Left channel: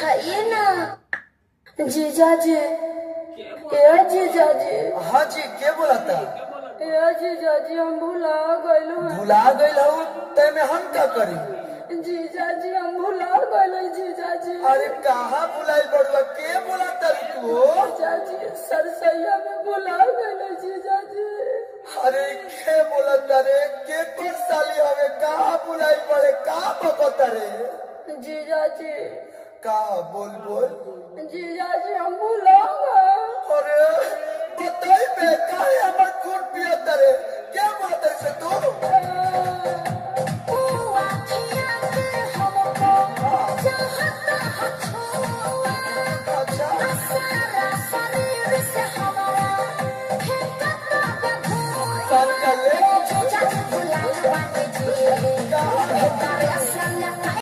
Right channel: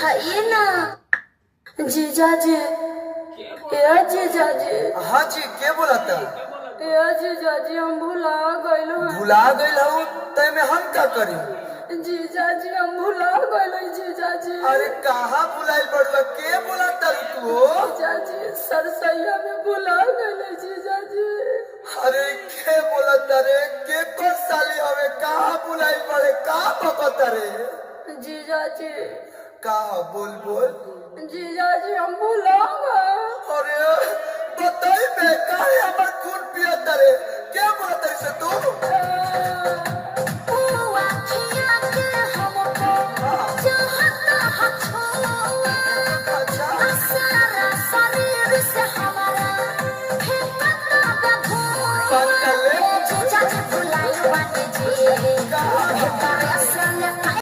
उठाइए ना। जीजा जी, ए जीजा जी। हाँ जी, के बोला था? ए जीजा जी, हम भुला गइल हन। भुला गइल हूँ तय में हम क्या करी? जीजा जी, हम भुला गइल जीजा जी। अरे कहाँ भुलाई बड़ुआ, के बोला था तू? जीजा जी, सरसैया में भुला गइल जीजा जी। अरे के बोला था रे? के कौन साली हवे? कहाँ भुलाई पड़े? कहाँ पकता रे? जीजा जी, कहाँ बोल बोल। जीजा जी, हम भुला गए। अरे बताई बे, काहे हमर खून पियत रे? क्या बोला था से तू?